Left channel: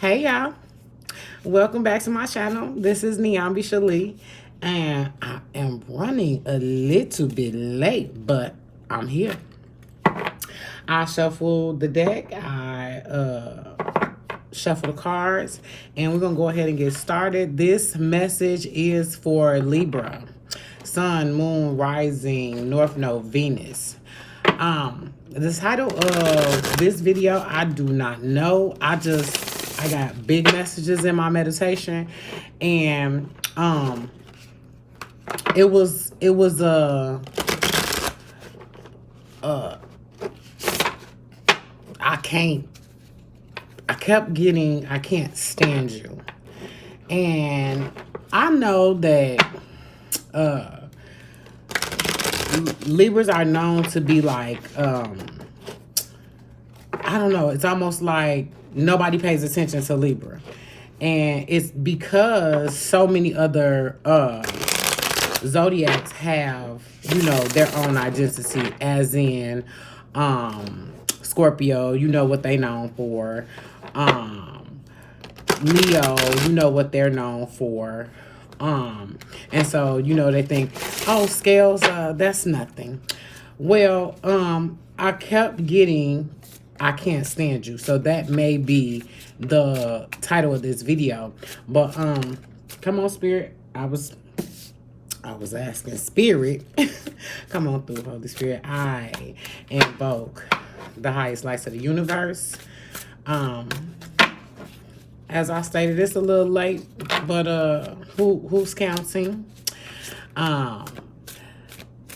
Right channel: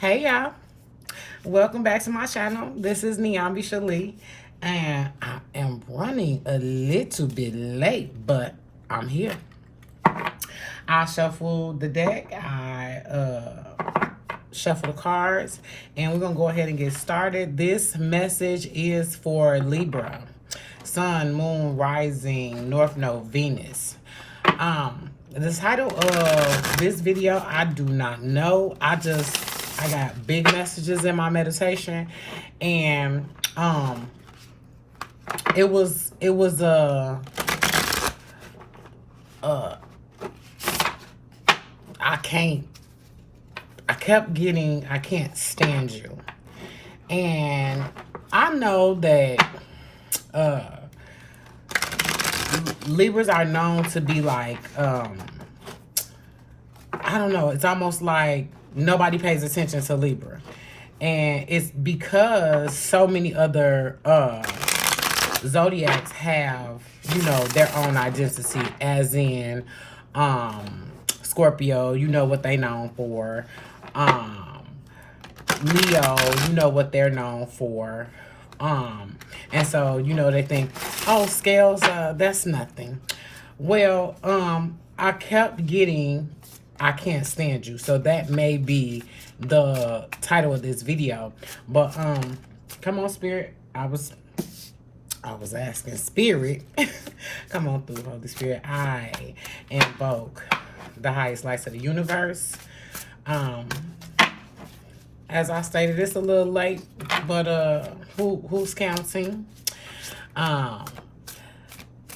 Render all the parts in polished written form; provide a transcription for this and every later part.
Hey y'all, welcome back to my channel. This is Nyambi Shalee, and I am running a little bit late, but I'm here. I shuffle the deck, I shuffle the cards, and we're gonna go ahead and get started. This message is for Libra, Sun, Moon, Rising, North Node, Venus. The title of this video, I do not know. I got big messages in my meditation, and it was I kept getting I can't stand you. And I know that Libras are known to be like, I don't know, it's almost like nobody pays attention to Libra. And it's because so many other zodiacs have, their own identity, as in Scorpio, you know what they known for. Leo, you know what they're known for. And so, they think, oh, scales, that's nothing. Well, I kept getting, I can't stand you. So that may be the title of this video. But, come on, Spirit. I was asking Spirit. Come on through, Holy Spirit. I invoke the highest lights of the universe. As I stated, it's a little late, but who's counting? And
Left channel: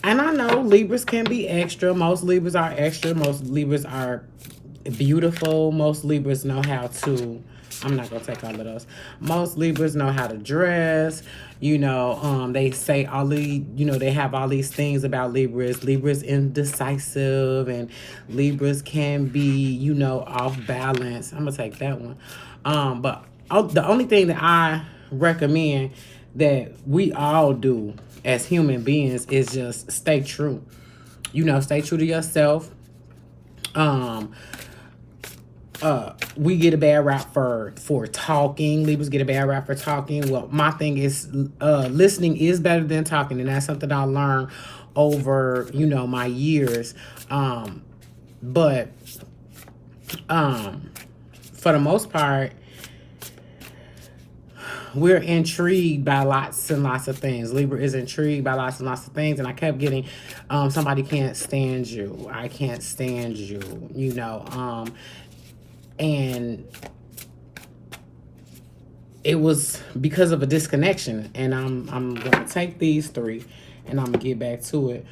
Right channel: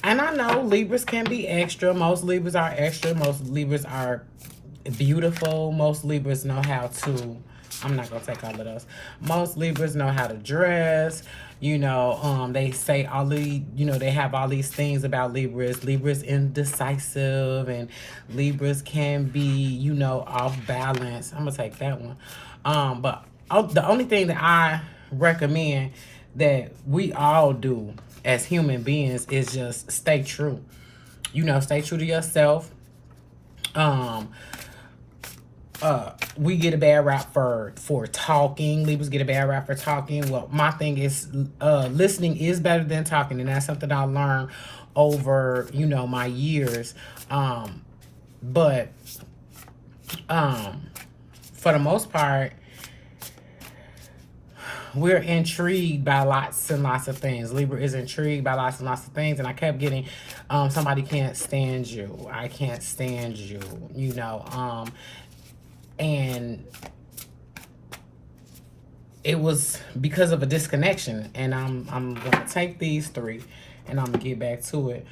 I know Libras can be extra. Most Libras are extra. Most Libras are beautiful. Most Libras know how to, I'm not going to take all of those. Most Libras know how to dress. They say all the, they have all these things about Libras. Libras indecisive, and Libras can be, off balance. I'm going to take that one. But the only thing that I recommend that we all do as human beings is just stay true. Stay true to yourself. We get a bad rap for talking. Libras get a bad rap for talking. Well, my thing is listening is better than talking, and that's something I learned over, my years. But for the most part, we're intrigued by lots and lots of things. Libra is intrigued by lots and lots of things. And I kept getting, somebody can't stand you. I can't stand you, and it was because of a disconnection. And I'm going to take these three and I'm going to get back to it.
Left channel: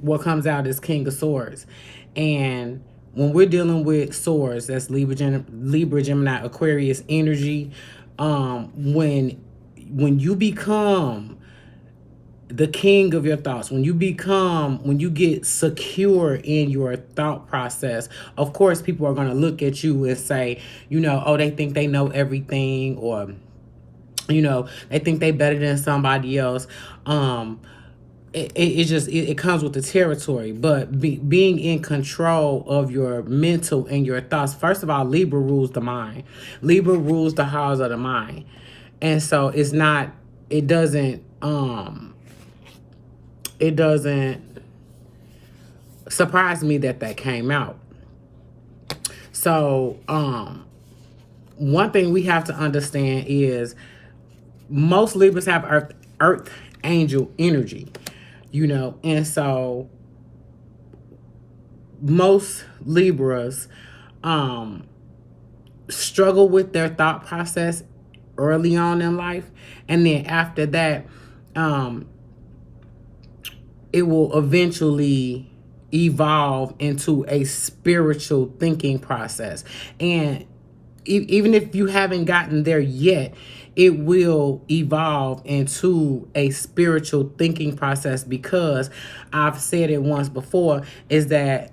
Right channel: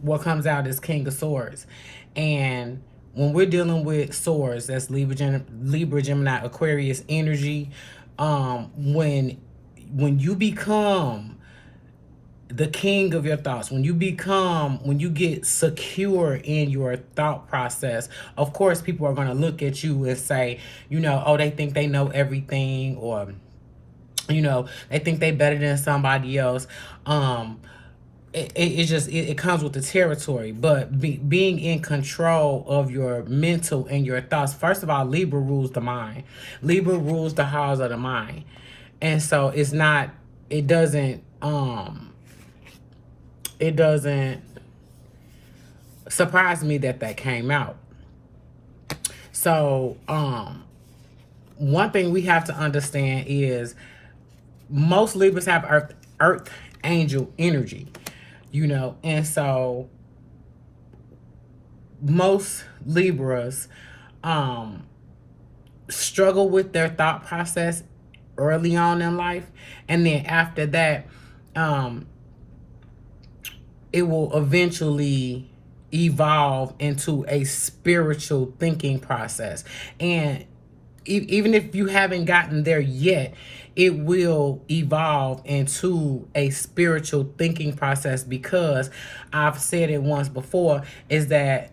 What comes out is King of Swords. And when we're dealing with swords, that's Libra, Gemini, Aquarius energy. When you become the king of your thoughts, when you get secure in your thought process, of course, people are going to look at you and say, oh, they think they know everything, or, they think they better than somebody else. It comes with the territory. But being in control of your mental and your thoughts, first of all, Libra rules the mind. Libra rules the halls of the mind. And so it doesn't surprise me that came out. So one thing we have to understand is most Libras have earth angel energy. And so most Libras struggle with their thought process early on in life, and then after that, it will eventually evolve into a spiritual thinking process. And even if you haven't gotten there yet, it will evolve into a spiritual thinking process, because I've said it once before, is that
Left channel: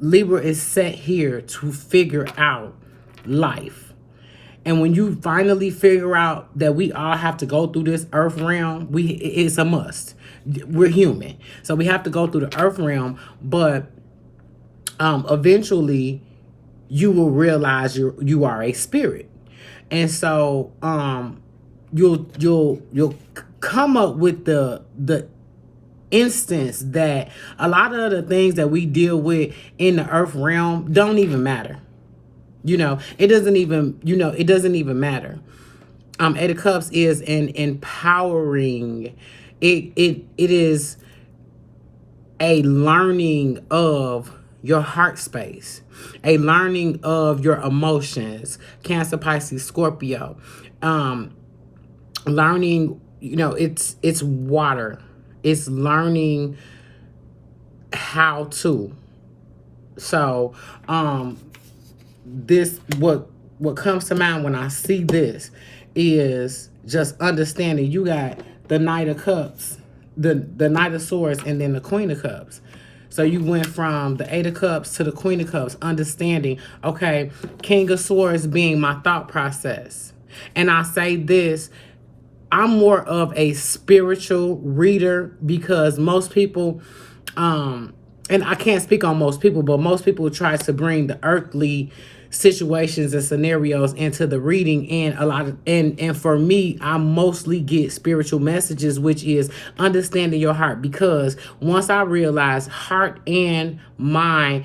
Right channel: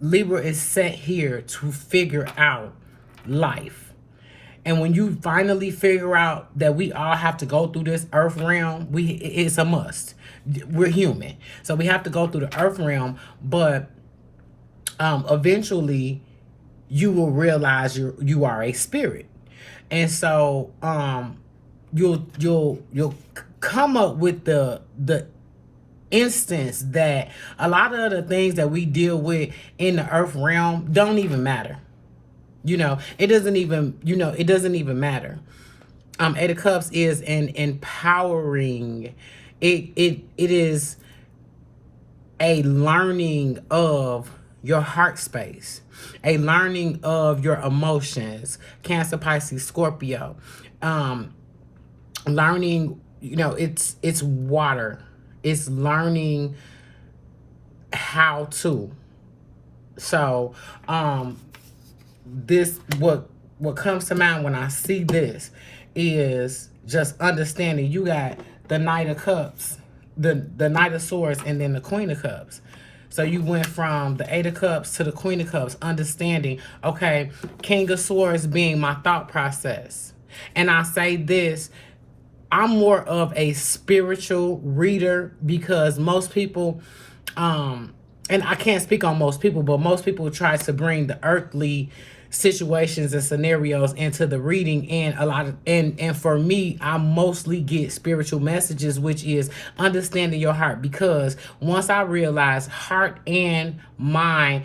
Libra is set here to figure out life. And when you finally figure out that we all have to go through this earth realm, it's a must. We're human. So we have to go through the earth realm, but eventually you will realize you are a spirit. And so you'll come up with the instance that a lot of the things that we deal with in the earth realm don't even matter. It doesn't even matter. Eight of Cups is an empowering. It is a learning of your heart space, a learning of your emotions. Cancer, Pisces, Scorpio. Learning, it's water. It's learning how to. So, this what comes to mind when I see this is just understanding you got the Knight of Cups, the Knight of Swords, and then the Queen of Cups. So you went from the Eight of Cups to the Queen of Cups, understanding, okay, King of Swords being my thought process. And I say this, I'm more of a spiritual reader because most people, and I can't speak on most people, but most people try to bring the earthly situations and scenarios into the reading, and for me, I mostly get spiritual messages, which is understanding your heart, because once I realized heart and mind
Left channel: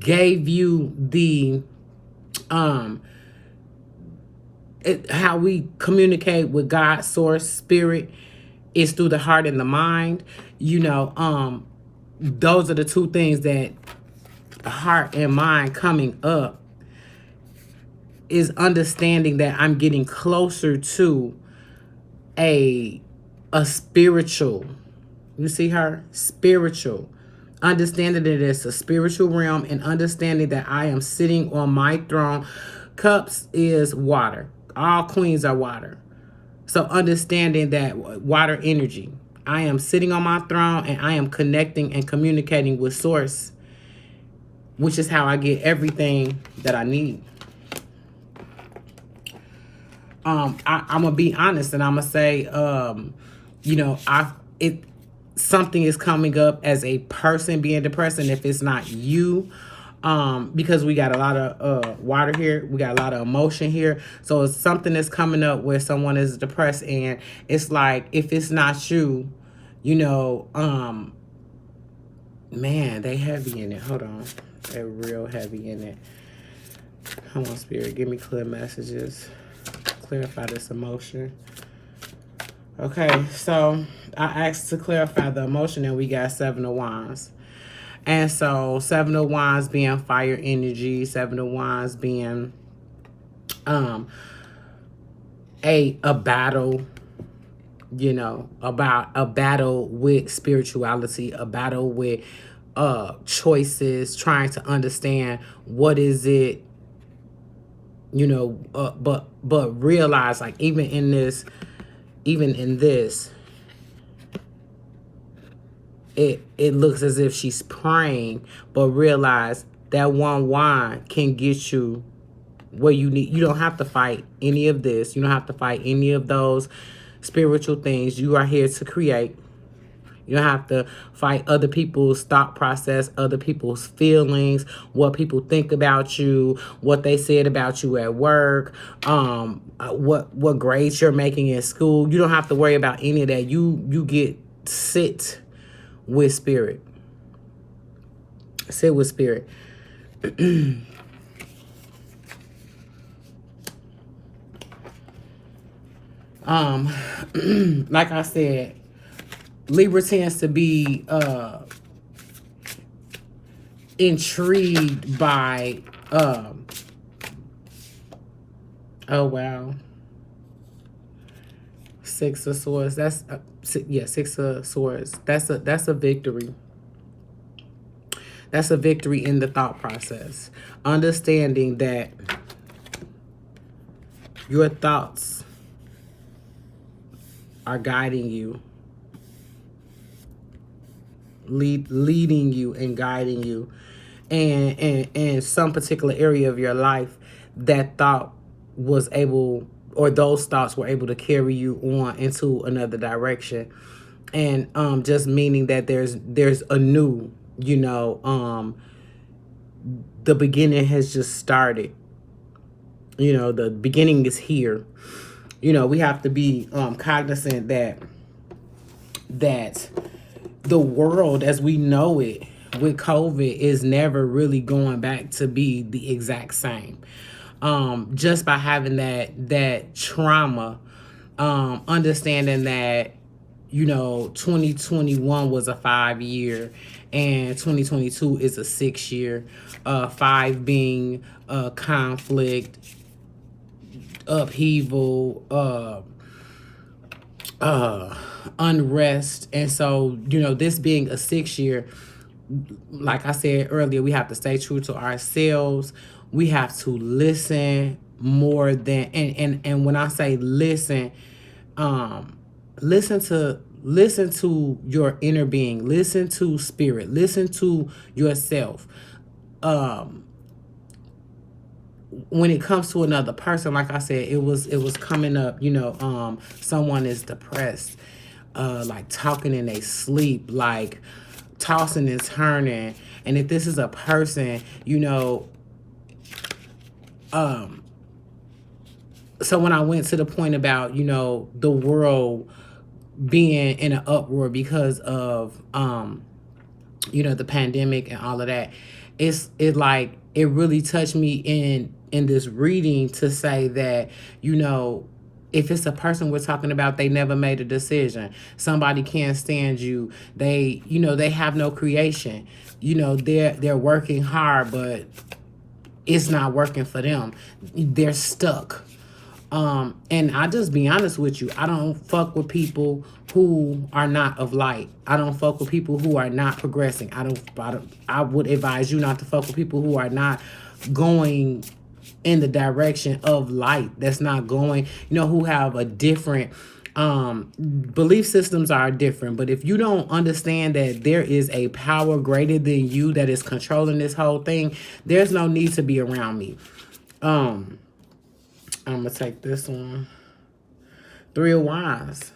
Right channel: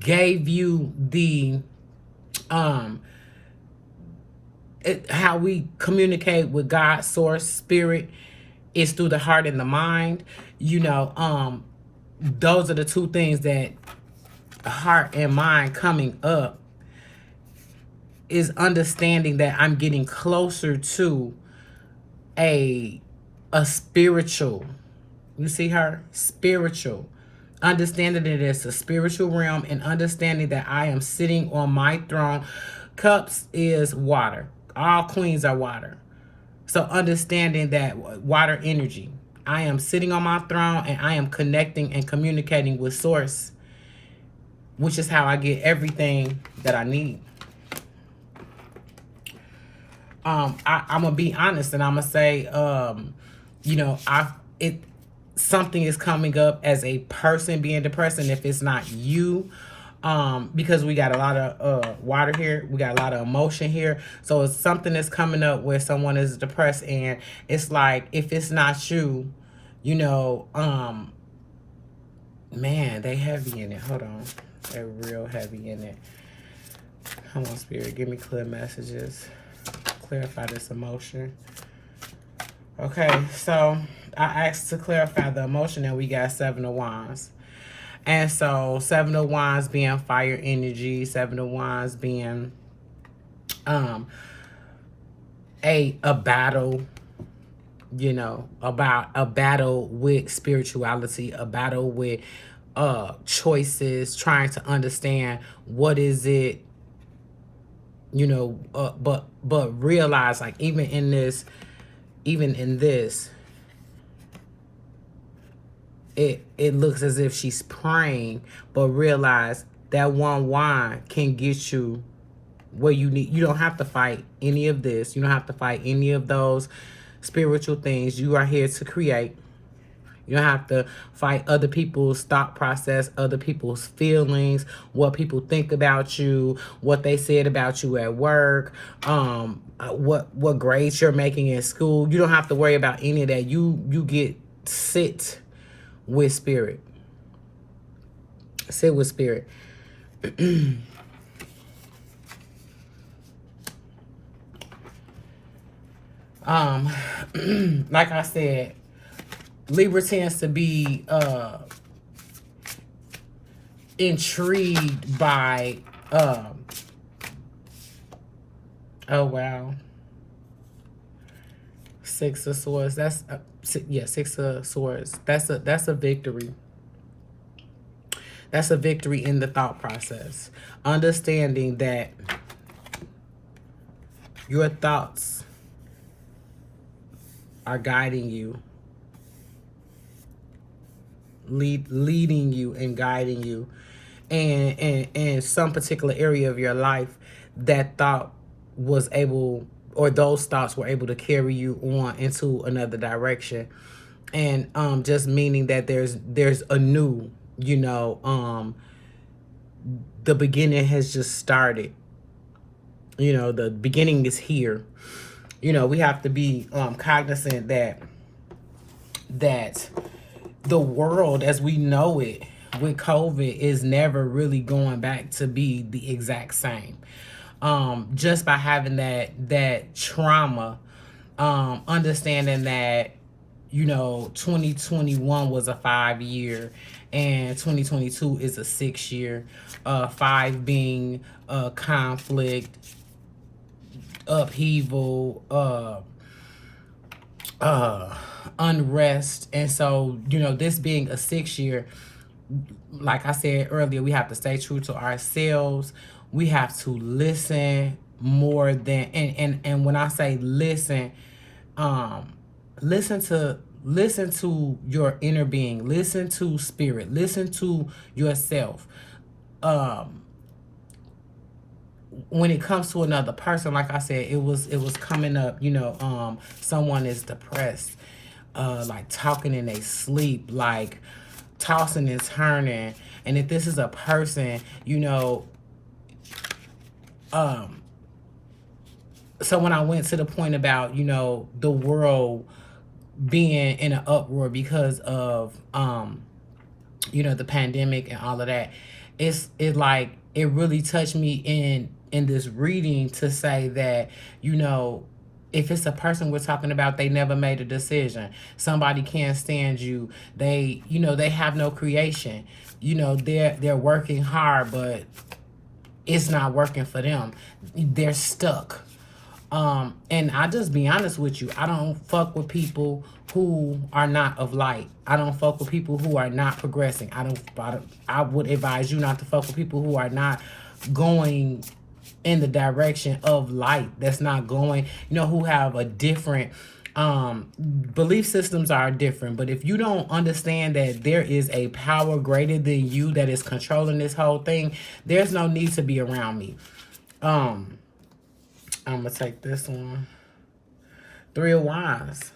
gave you the how we communicate with God, source, spirit, is through the heart and the mind. Those are the two things that heart and mind coming up is understanding that I'm getting closer to a spiritual. You see her? Spiritual. Understanding that it's a spiritual realm and understanding that I am sitting on my throne. Cups is water. All queens are water. So understanding that water energy. I am sitting on my throne and I am connecting and communicating with source, which is how I get everything that I need. I'm gonna be honest and I'm gonna say, something is coming up as a person being depressed, and if it's not you, because we got a lot of water here, we got a lot of emotion here, so it's something that's coming up where someone is depressed, and it's like, if it's not you, man, they heavy in it. Hold on, they're real heavy in it. Come on, Spirit, give me clear messages. Clarify this emotion. Okay, so I asked to clarify the emotion, and we got Seven of Wands. And so Seven of Wands being fire energy, Seven of Wands being a battle, about a battle with spirituality, a battle with choices, trying to understand what is it, but realize, like, even in this, it looks as if she's praying, but realize that one wand can get you where you need. You don't have to fight any of this. You don't have to fight any of those spiritual things. You are here to create. You don't have to fight other people's thought process, other people's feelings, what people think about you, what they said about you at work, what grades you're making in school. You don't have to worry about any of that. You get sit with spirit. Sit with spirit. Like I said, Libra tends to be intrigued by oh wow, Six of Swords. That's Six of Swords. That's a victory. That's a victory in the thought process. Understanding that your thoughts are guiding you, leading you and guiding you, and in some particular area of your life, that thought was able, or those thoughts were able to carry you on into another direction. And just meaning that there's a new, the beginning has just started. You know, the beginning is here. You know, we have to be cognizant that the world as we know it with COVID is never really going back to be the exact same. Just by having that trauma, understanding that, you know, 2021 was a 5-year and 2022 is a 6-year. 5 being conflict, upheaval, unrest. And so, you know, this being a 6-year, like I said earlier, we have to stay true to ourselves. We have to listen more than, and when I say listen, listen to your inner being, listen to spirit, listen to yourself. When it comes to another person, like I said, it was coming up, you know, someone is depressed, like talking in their sleep, like tossing and turning. And if this is a person, you know, so when I went to the point about, you know, the world being in an uproar because of you know, the pandemic and all of that, it like it really touched me in this reading to say that, you know, if it's a person we're talking about, they never made a decision. Somebody can't stand you. They, you know, they have no creation. You know, they're working hard, but it's not working for them. They're stuck. And I just be honest with you, I don't fuck with people who are not of light. I don't fuck with people who are not progressing. I would advise you not to fuck with people who are not going in the direction of light. That's not going, you know, who have a different belief systems are different. But if you don't understand that there is a power greater than you that is controlling this whole thing, there's no need to be around me. I'm gonna take this one. 3 of Wands.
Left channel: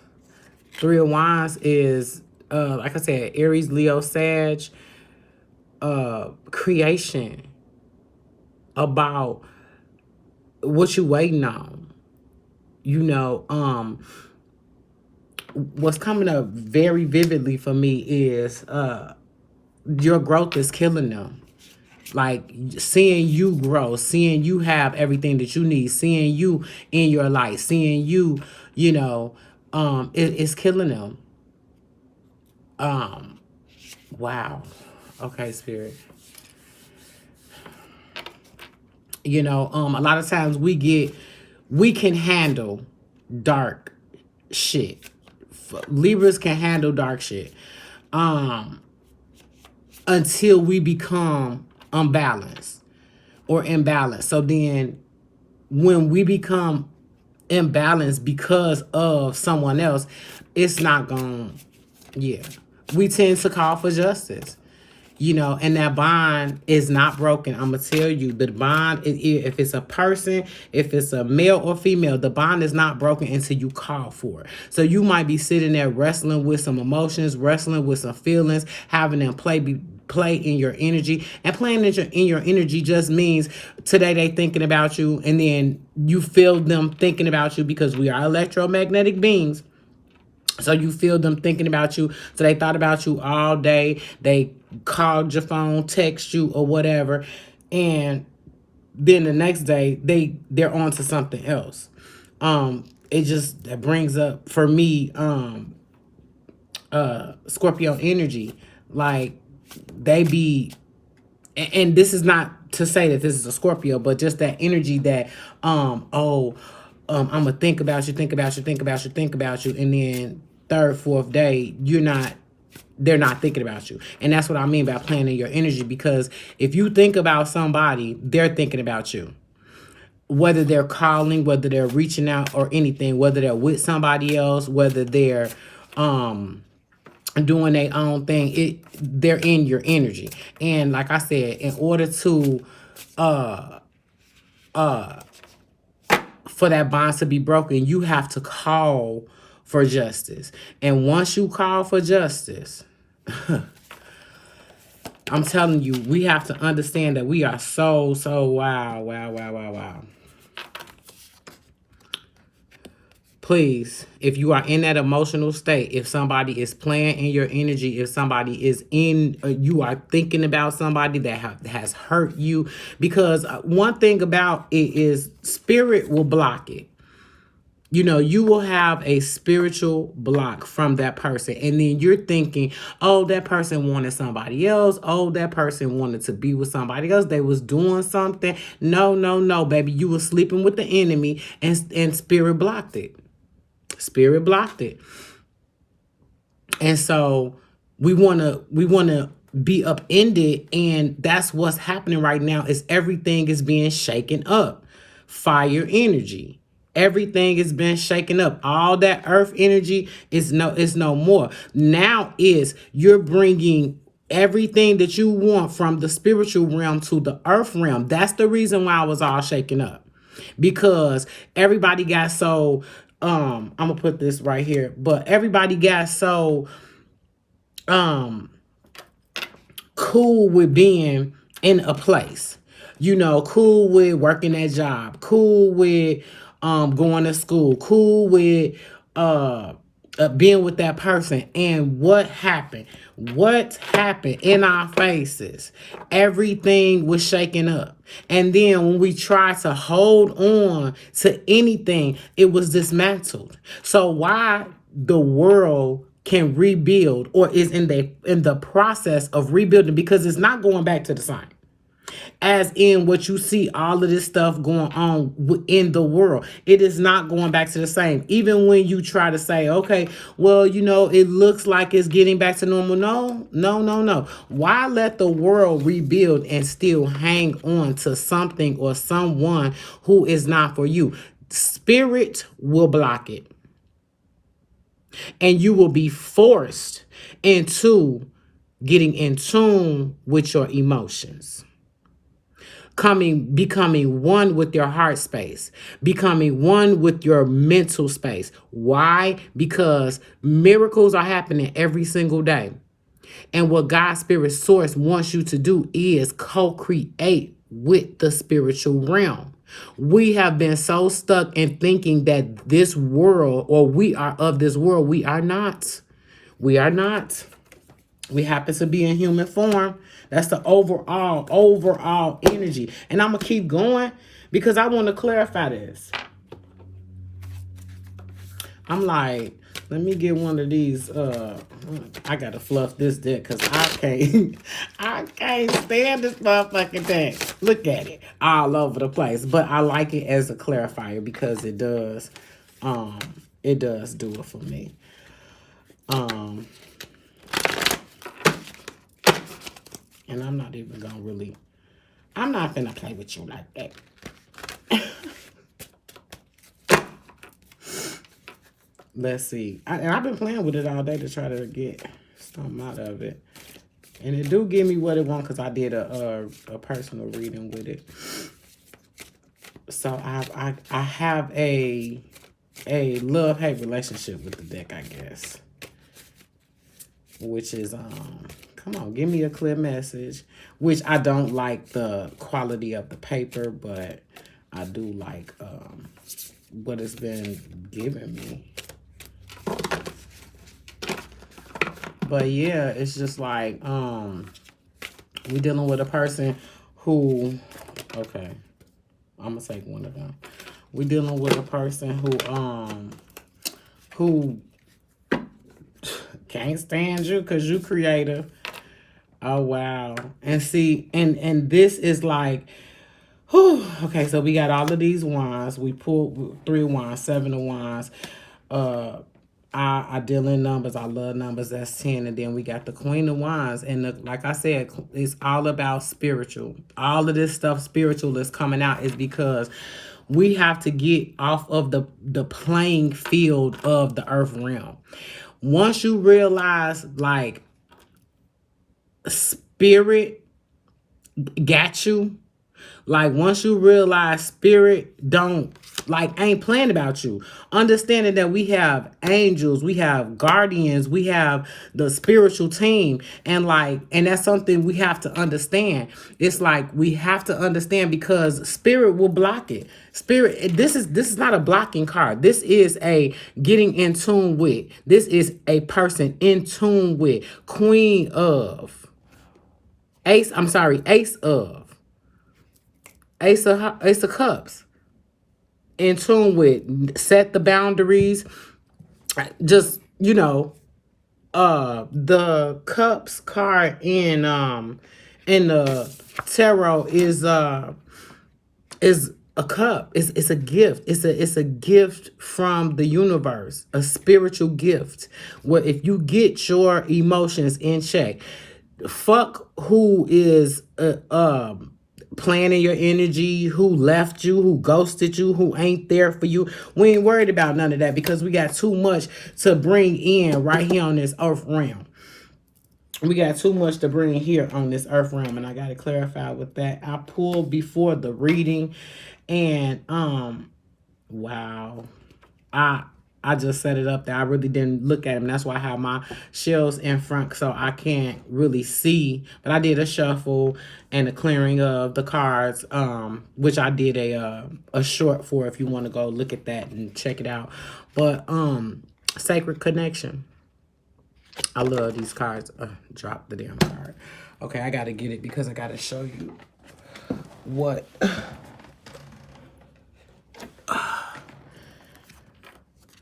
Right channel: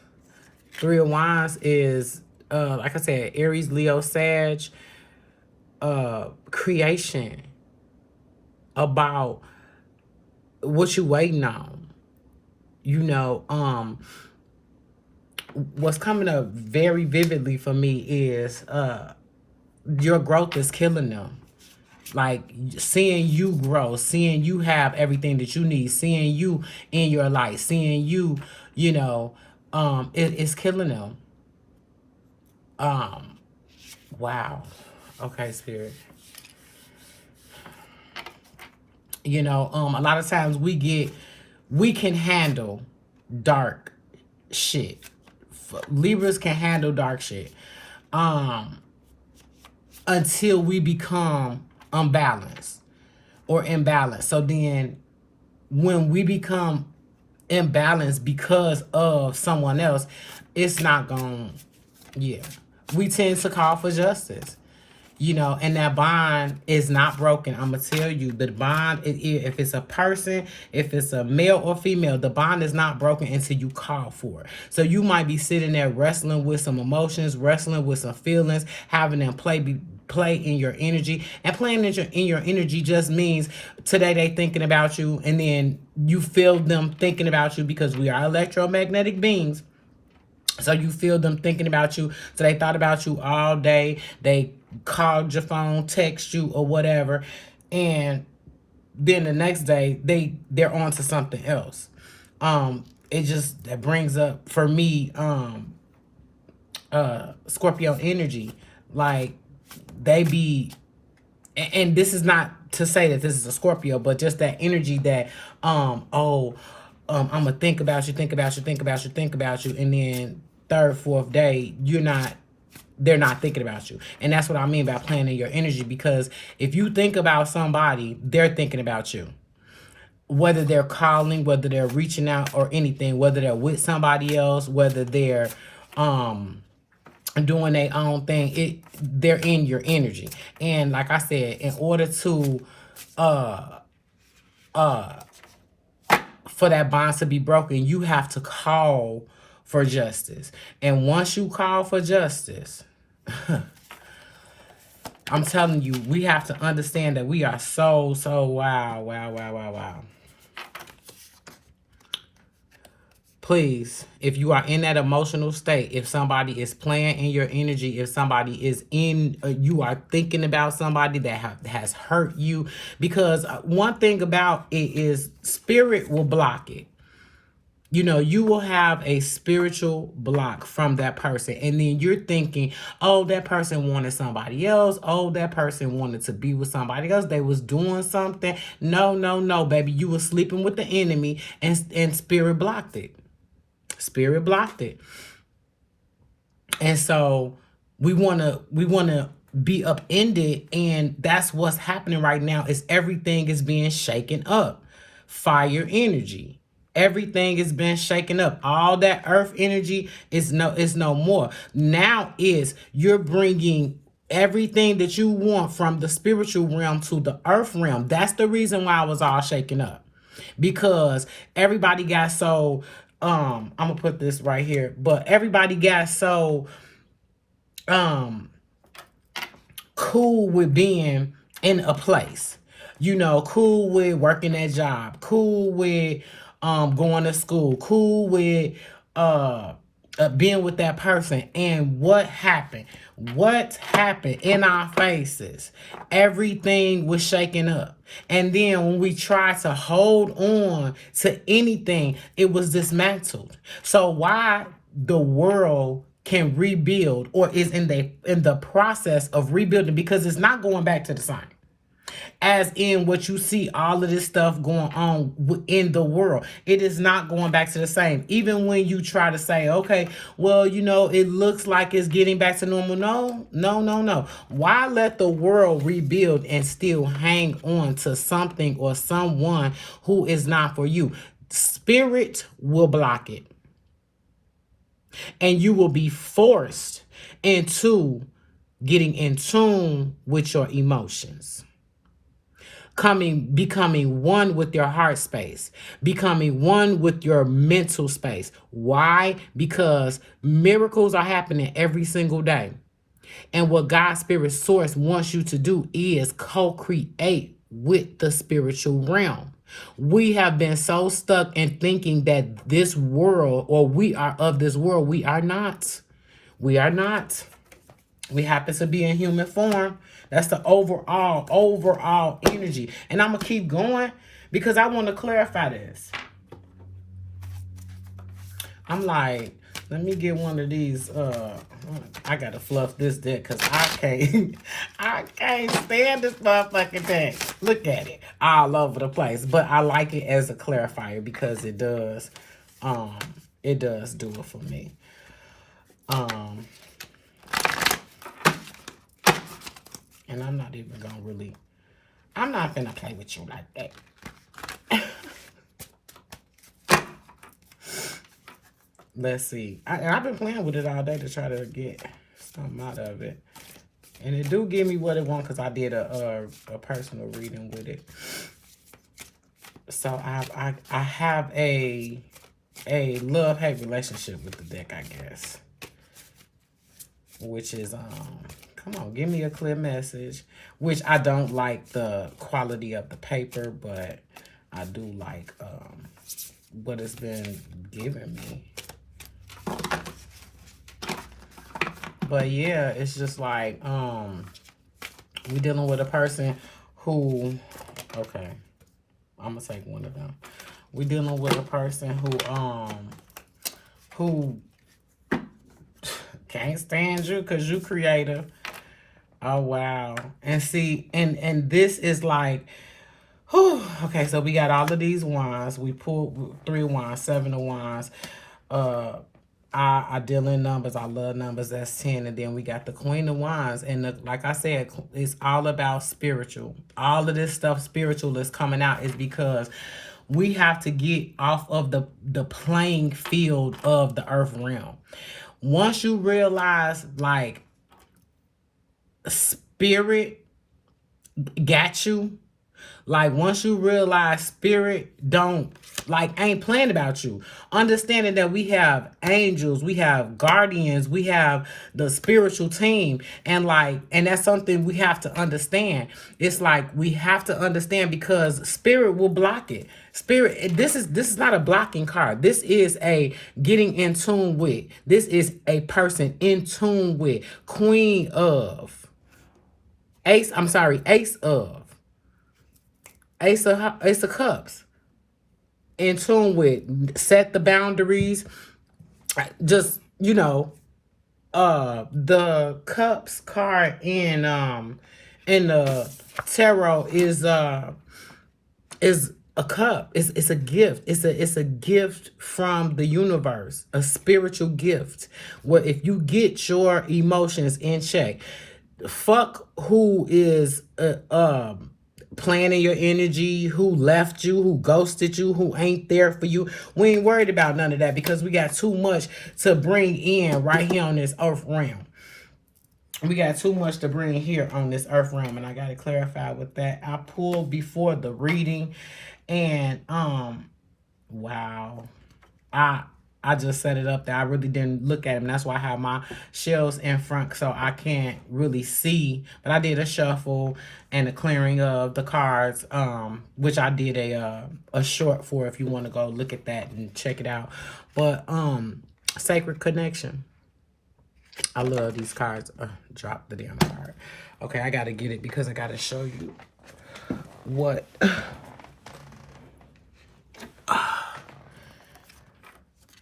3 of Wands is like I said, Aries, Leo, Sag, creation, about what you waiting on. You know, what's coming up very vividly for me is your growth is killing them. Like seeing you grow, seeing you have everything that you need, seeing you in your life, seeing you, you know, it's killing them. Wow. Okay, Spirit. You know, a lot of times we can handle dark shit. Libras can handle dark shit. Until we become unbalanced or imbalanced. So then when we become imbalanced because of someone else, it's not going, yeah. We tend to call for justice. You know, and that bond is not broken. I'm going to tell you, the bond, if it's a person, if it's a male or female, the bond is not broken until you call for it. So you might be sitting there wrestling with some emotions, wrestling with some feelings, having them play in your energy. And playing in your energy just means today they thinking about you, and then you feel them thinking about you because we are electromagnetic beings. So you feel them thinking about you. So they thought about you all day. They called your phone, text you, or whatever. And then the next day, they're on to something else. It just that brings up, for me, Scorpio energy. Like, they be, and this is not to say that this is a Scorpio, but just that energy that, I'm going to think about you, and then third, fourth day, they're not thinking about you. And that's what I mean by playing in your energy, because if you think about somebody, they're thinking about you. Whether they're calling, whether they're reaching out or anything, whether they're with somebody else, whether they're doing their own thing, they're in your energy. And like I said, in order to for that bond to be broken, you have to call for justice. And once you call for justice, I'm telling you, we have to understand that we are so wow. Please, if you are in that emotional state, if somebody is playing in your energy, if somebody is in, you are thinking about somebody that has hurt you, because one thing about it is spirit will block it. You know, you will have a spiritual block from that person. And then you're thinking, oh, that person wanted somebody else. Oh, that person wanted to be with somebody else. They was doing something. No, baby. You were sleeping with the enemy and spirit blocked it. Spirit blocked it. And so we wanna be upended, and that's what's happening right now. Is everything is being shaken up. Fire energy. Everything is being shaken up. All that earth energy is no more. Now is you're bringing everything that you want from the spiritual realm to the earth realm. That's the reason why I was all shaken up, because everybody got so I'm gonna put this right here, but everybody got so cool with being in a place, you know, cool with working that job, cool with going to school, cool with being with that person. And what happened? What happened in our faces? Everything was shaken up. And then when we tried to hold on to anything, it was dismantled. So why the world can rebuild or is in the process of rebuilding, because it's not going back to the same. As in what you see, all of this stuff going on in the world, it is not going back to the same. Even when you try to say, okay, well, you know, it looks like it's getting back to normal. No. Why let the world rebuild and still hang on to something or someone who is not for you? Spirit will block it. And you will be forced into getting in tune with your emotions. Becoming one with your heart space, becoming one with your mental space. Why? Because miracles are happening every single day. And what God's Spirit Source wants you to do is co-create with the spiritual realm. We have been so stuck in thinking that this world, or we are of this world. We are not. We are not. We happen to be in human form. That's the overall energy. And I'm going to keep going because I want to clarify this. I'm like, let me get one of these. I got to fluff this deck because I can't stand this motherfucking deck. Look at it all over the place. But I like it as a clarifier because it does do it for me. And I'm not even gonna really, I'm not gonna play with you like that. Let's see. I've been playing with it all day to try to get something out of it. And it do give me what it wants because I did a personal reading with it. So I have a love-hate relationship with the deck, I guess. Which is, come on, give me a clear message. Which I don't like the quality of the paper, but I do like what it's been giving me. But yeah, it's just like, we dealing with a person who, okay, I'm gonna take one of them. We dealing with a person who can't stand you because you creative. Oh wow. And see, and this is like, whew, okay, so we got all of these wands. We pulled 3 of wands, 7 of wands. I deal in numbers. I love numbers. That's 10. And then we got the Queen of Wands. And like I said, it's all about spiritual. All of this stuff spiritual is coming out is because we have to get off of the playing field of the earth realm. Once you realize, like, spirit got you, Like, once you realize spirit ain't playing about you, understanding that we have angels, we have guardians, we have the spiritual team, and that's something we have to understand. It's like we have to understand, because spirit will block it. Spirit, this is not a blocking card. This is a getting in tune with. This is a person in tune with. Queen of. Ace of. Ace of Cups. In tune with. Set the boundaries. Just, the Cups card in the tarot is a cup. It's a gift. It's a gift from the universe, a spiritual gift. Where if you get your emotions in check, fuck who is planning your energy, who left you, who ghosted you, who ain't there for you. We ain't worried about none of that, because we got too much to bring in right here on this earth realm. We got too much to bring here on this earth realm, and I got to clarify with that. I pulled before the reading, and wow, I just set it up there. I really didn't look at them. That's why I have my shells in front, so I can't really see. But I did a shuffle and a clearing of the cards, which I did a short for, if you want to go look at that and check it out. But Sacred Connection. I love these cards. Drop the damn card. Okay, I got to get it because I got to show you what...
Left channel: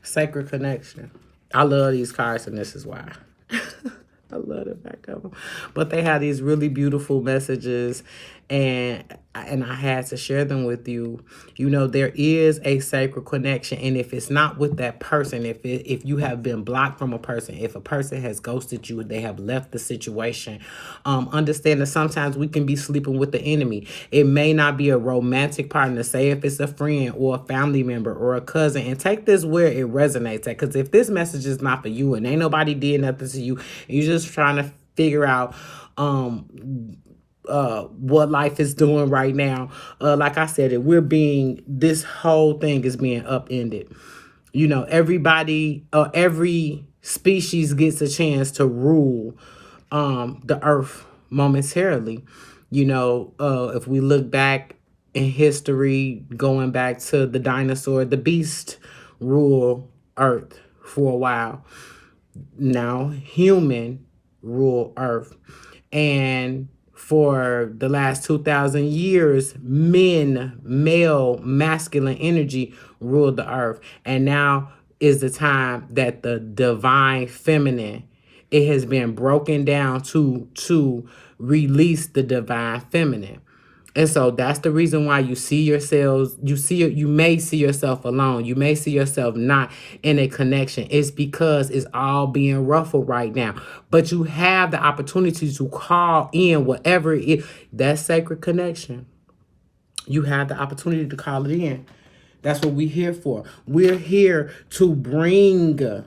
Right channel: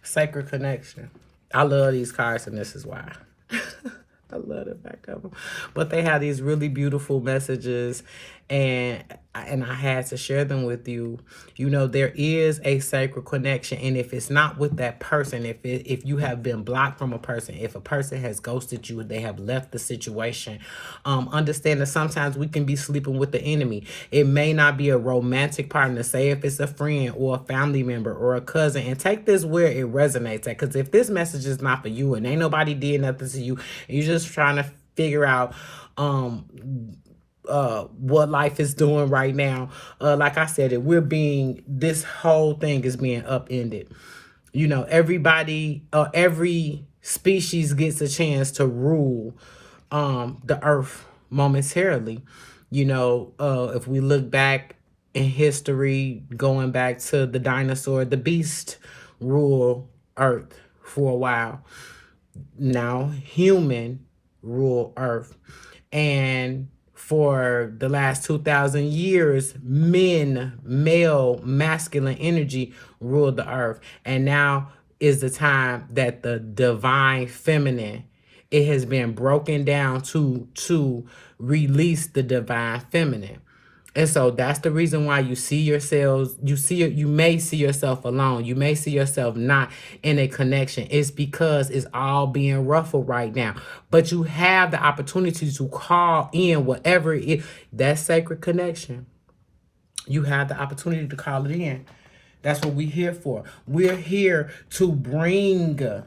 Sacred Connection. I love these cards, and this is why. I love the back of them. But they have these really beautiful messages, and I had to share them with you. There is a sacred connection, and if it's not with that person, if you have been blocked from a person, if a person has ghosted you, they have left the situation, understand that sometimes we can be sleeping with the enemy. It may not be a romantic partner. Say if it's a friend or a family member or a cousin, and take this where it resonates at. Because if this message is not for you, and ain't nobody did nothing to you, you're just trying to figure out what life is doing right now. Like I said, this whole thing is being upended. Everybody, every species gets a chance to rule the earth momentarily. If we look back in history, going back to the dinosaur, the beast rule earth for a while. Now human rule earth. And for the last 2,000 years, male, masculine energy ruled the earth. And now is the time that the divine feminine, it has been broken down to release the divine feminine. And so that's the reason why you may see yourself alone. You may see yourself not in a connection. It's because it's all being ruffled right now. But you have the opportunity to call in whatever it is. That sacred connection. You have the opportunity to call it in. That's what we're here for. We're here to bring,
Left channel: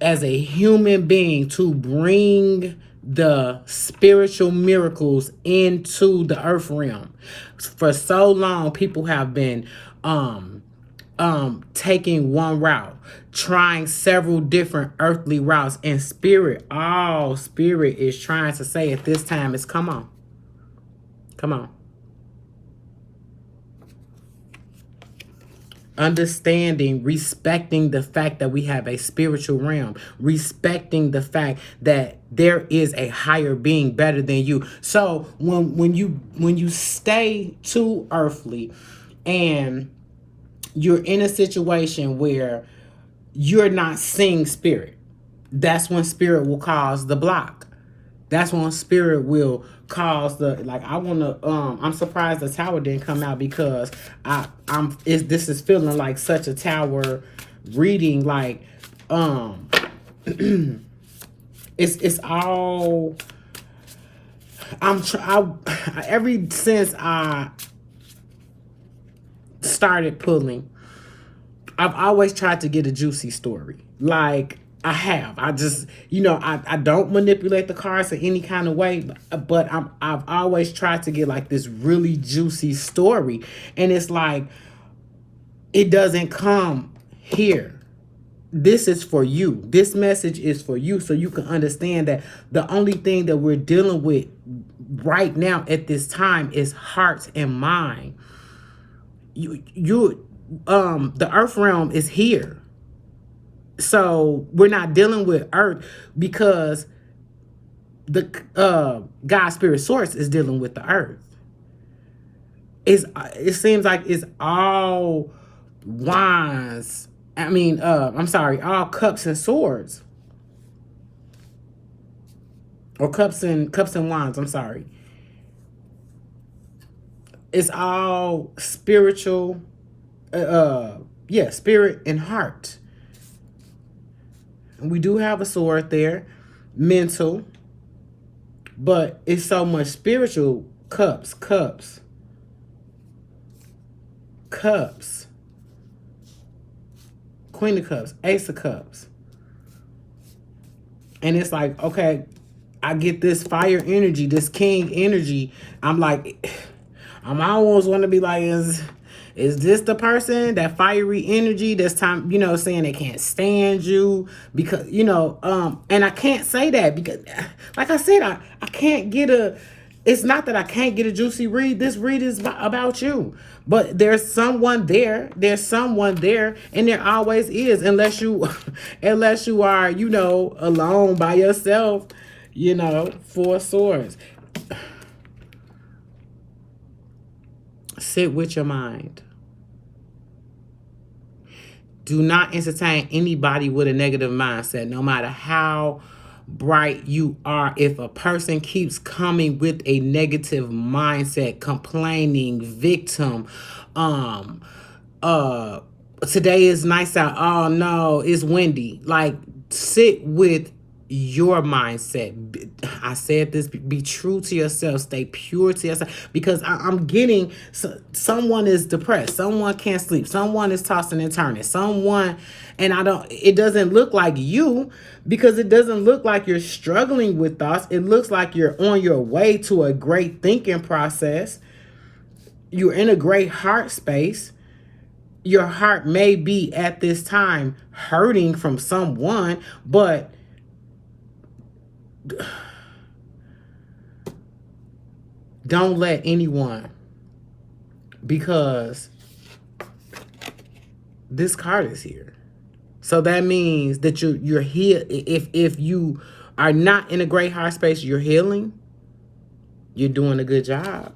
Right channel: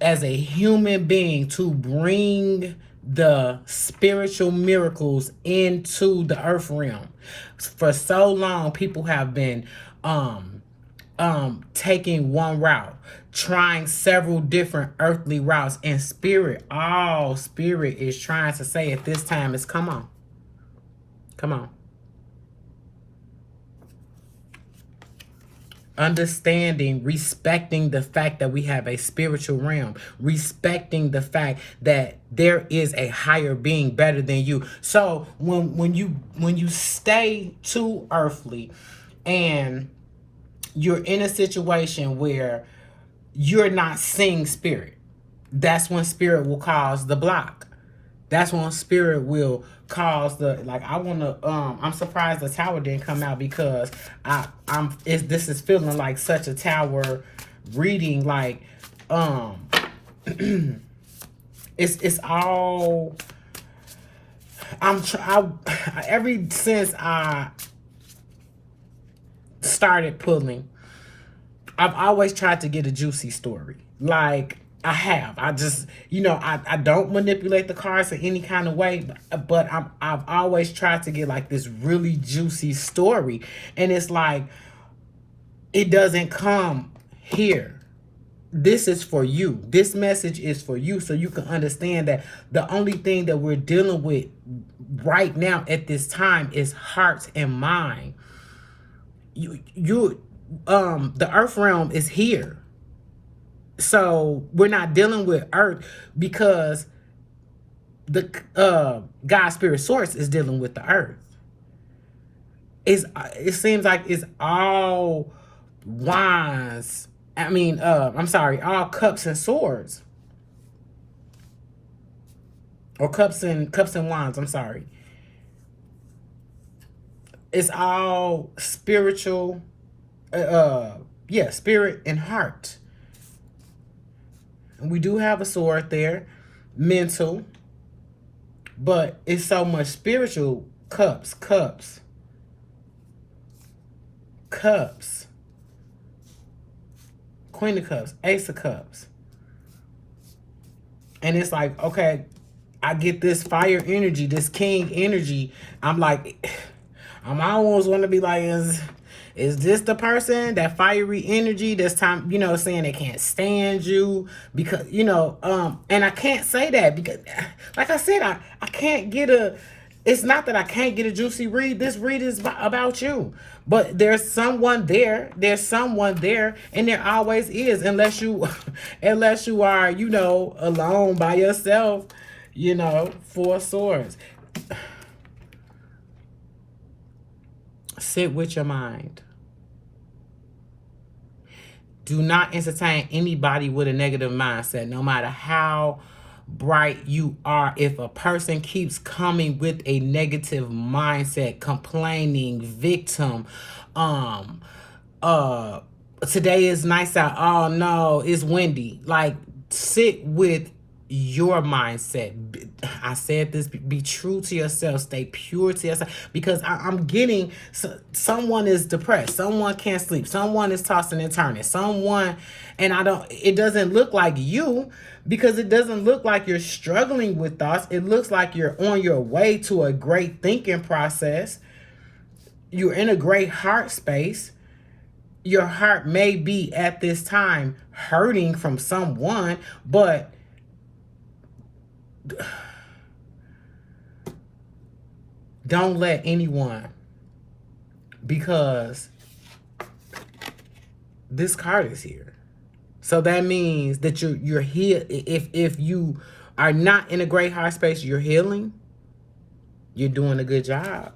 as a human being, to bring the spiritual miracles into the earth realm. For so long, people have been taking one route, trying several different earthly routes, and spirit is trying to say at this time is come on. Understanding, respecting the fact that we have a spiritual realm, respecting the fact that there is a higher being better than you. So when you stay too earthly and you're in a situation where you're not seeing spirit, that's when spirit will cause the block. That's when spirit will cause I'm surprised the tower didn't come out, because this is feeling like such a tower reading. Like it's all ever since I started pulling, I've always tried to get a juicy story. Like I have. I just, I don't manipulate the cards in any kind of way, but I've always tried to get like this really juicy story. And it's like, it doesn't come here. This is for you. This message is for you, so you can understand that the only thing that we're dealing with right now at this time is heart and mind. The earth realm is here. So we're not dealing with earth because the God spirit source is dealing with the earth. It seems like it's all wands. All cups and swords. Or cups and wands, I'm sorry. It's all spiritual, spirit and heart. And we do have a sword there, mental, but it's so much spiritual. Cups. Queen of Cups, Ace of Cups. And it's like, okay, I get this fire energy, this king energy. I'm like, I almost want to be like, is this the person, that fiery energy this time, saying they can't stand you? Because, and I can't say that because, like I said, I can't get it's not that I can't get a juicy read. This read is about you. But there's someone there. And there always is, unless you are, alone by yourself, Four Swords. Sit with your mind. Do not entertain anybody with a negative mindset, no matter how bright you are. If a person keeps coming with a negative mindset, complaining, victim, today is nice out, oh no, it's windy. Like, sit with your mindset. I said this, be true to yourself, stay pure to yourself, because I'm getting someone is depressed, someone can't sleep, someone is tossing and turning, it doesn't look like you, because it doesn't look like you're struggling with thoughts. It looks like you're on your way to a great thinking process. You're in a great heart space. Your heart may be at this time hurting from someone, but don't let anyone, because this card is here. So that means that you're here. If you are not in a great heart space, you're healing. You're doing a good job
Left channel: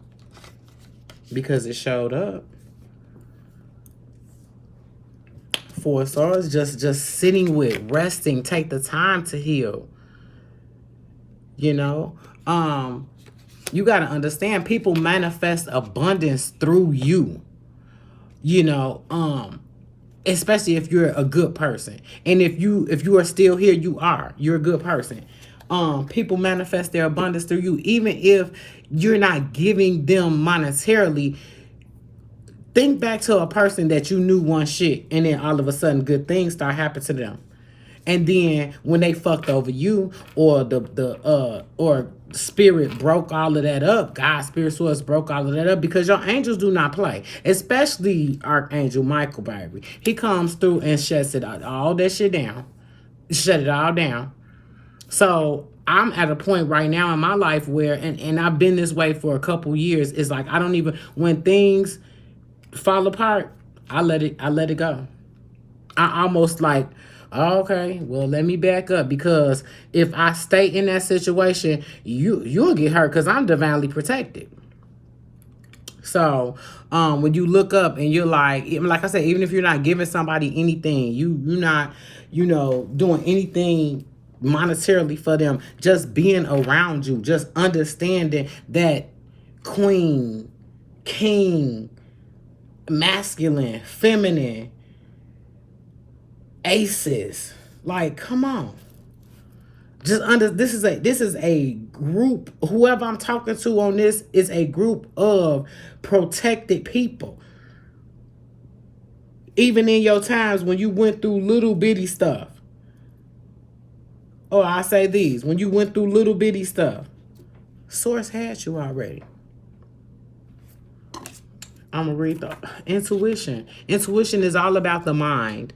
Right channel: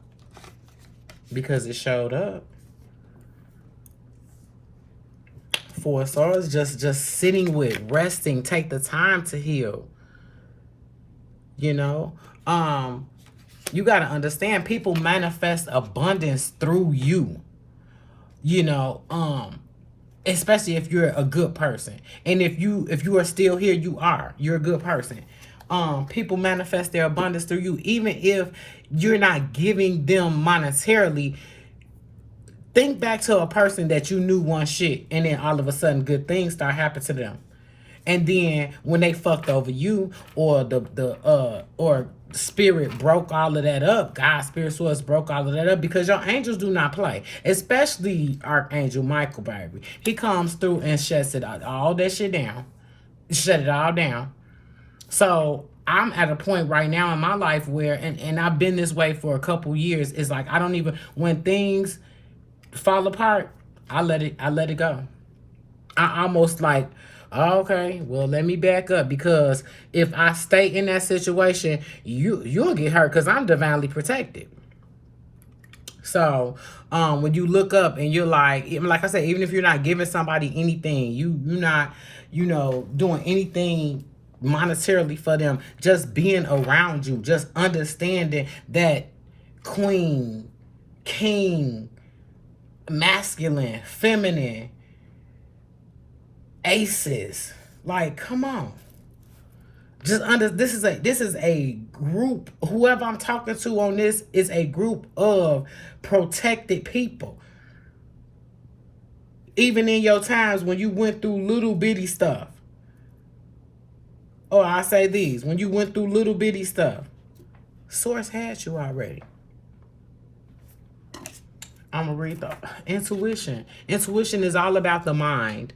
because it showed up. Four Swords, just sitting with, resting, take the time to heal. You got to understand, people manifest abundance through you. Especially if you're a good person. And if you are still here, you're a good person. People manifest their abundance through you, even if you're not giving them monetarily. Think back to a person that you knew one shit, and then all of a sudden good things start happening to them. And then when they fucked over you, or or spirit broke all of that up, God's spirit source broke all of that up, because your angels do not play. Especially Archangel Michael, baby. He comes through and shuts it all that shit down. Shut it all down. So I'm at a point right now in my life where, and I've been this way for a couple years, it's like I don't even, when things fall apart, I let it go. I almost like, okay, well, let me back up, because if I stay in that situation, you'll get hurt, because I'm divinely protected. So when you look up and you're like I said, even if you're not giving somebody anything, you're not doing anything monetarily for them, just being around you, just understanding that queen, king, masculine, feminine, aces, like, come on. This is a group. Whoever I'm talking to on this is a group of protected people. Even in your times when you went through little bitty stuff, or I say these, when you went through little bitty stuff, Source had you already. I'm going to read the intuition. Intuition is all about the mind.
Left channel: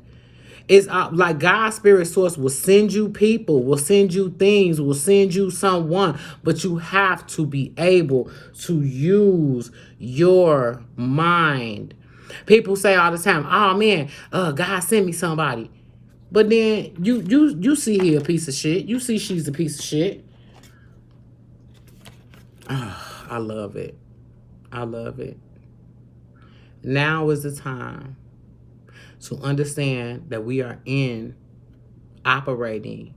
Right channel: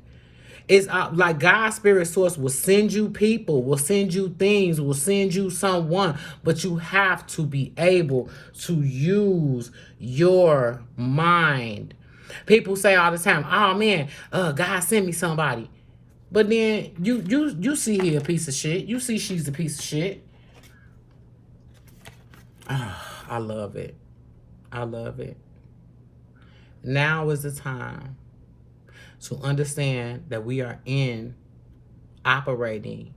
It's like God's spirit source will send you people, will send you things, will send you someone, but you have to be able to use your mind. People say all the time, "Oh man, God sent me somebody," but then you see he a piece of shit. You see she's a piece of shit. I love it. I love it. Now is the time to understand that we are operating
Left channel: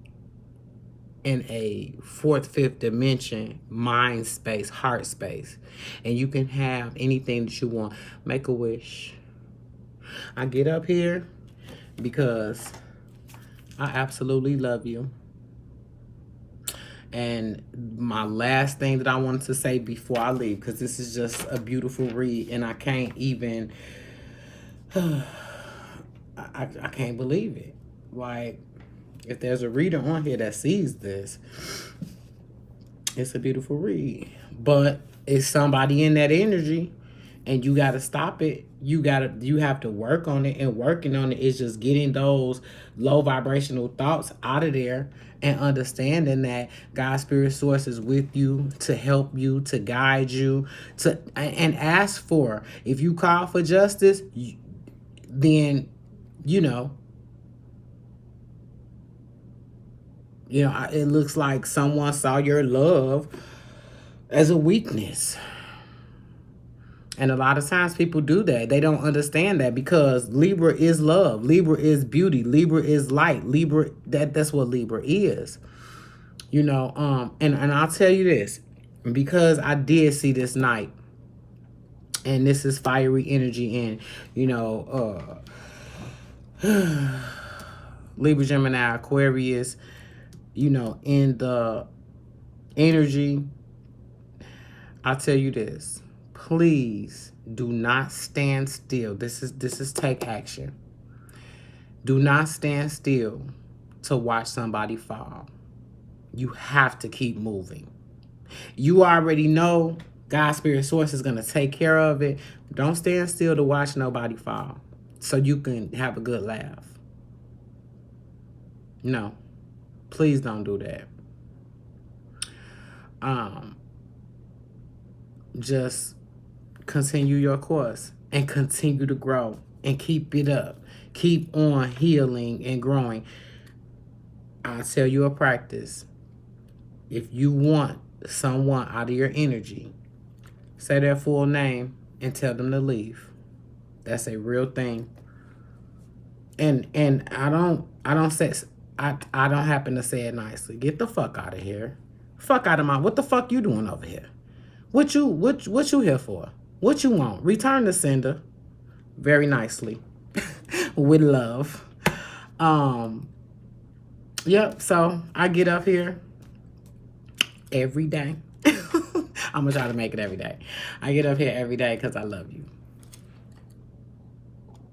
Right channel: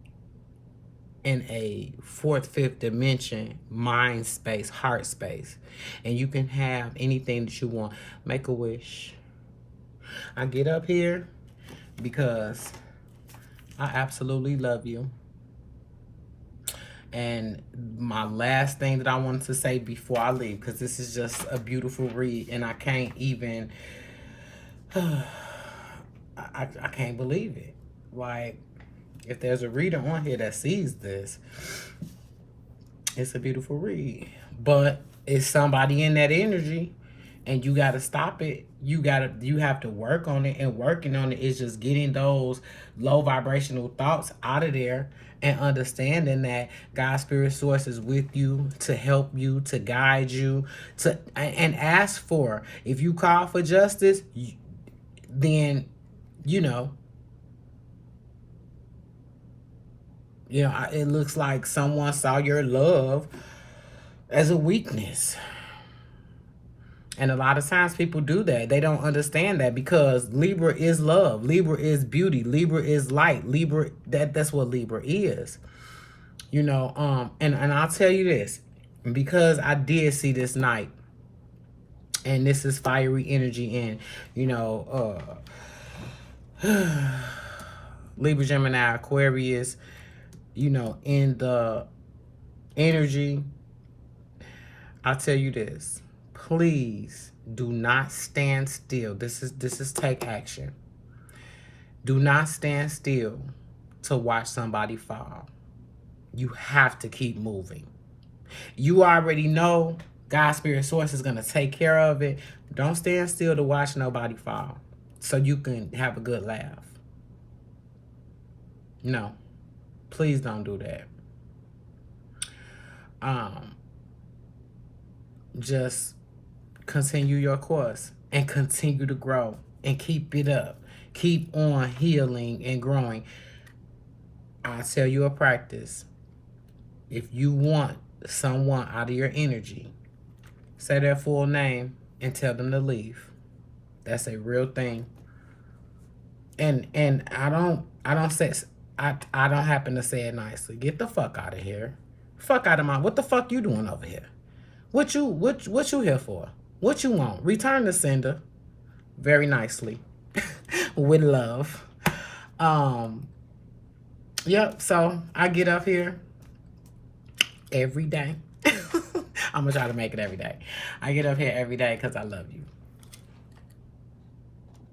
in a fourth, fifth dimension, mind space, heart space. And you can have anything that you want. Make a wish. I get up here because I absolutely love you. And my last thing that I wanted to say before I leave, because this is just a beautiful read, and I can't even... I can't believe it. Like, if there's a reader on here that sees this, it's a beautiful read. But it's somebody in that energy, and you got to stop it. You have to work on it, and working on it is just getting those low vibrational thoughts out of there and understanding that God's spirit source is with you to help you, to guide you, and ask for. If you call for justice, then it looks like someone saw your love as a weakness. And a lot of times people do that. They don't understand that, because Libra is love. Libra is beauty. Libra is light. Libra, that's what Libra is. And I'll tell you this, because I did see this night, and this is fiery energy, and Libra, Gemini, Aquarius, in the energy, I'll tell you this. Please do not stand still. This is take action. Do not stand still to watch somebody fall. You have to keep moving. You already know God's spirit source is going to take care of it. Don't stand still to watch nobody fall so you can have a good laugh. No, please don't do that. Just continue your course and continue to grow and keep it up. Keep on healing and growing. I'll tell you a practice. If you want someone out of your energy, say their full name and tell them to leave. That's a real thing. And I don't happen to say it nicely. Get the fuck out of here. Fuck out of my... What the fuck you doing over here? What you here for? What you want? Return the sender. Very nicely. With love. Yep, so I get up here every day. I'm gonna try to make it every day. I get up here every day because I love you.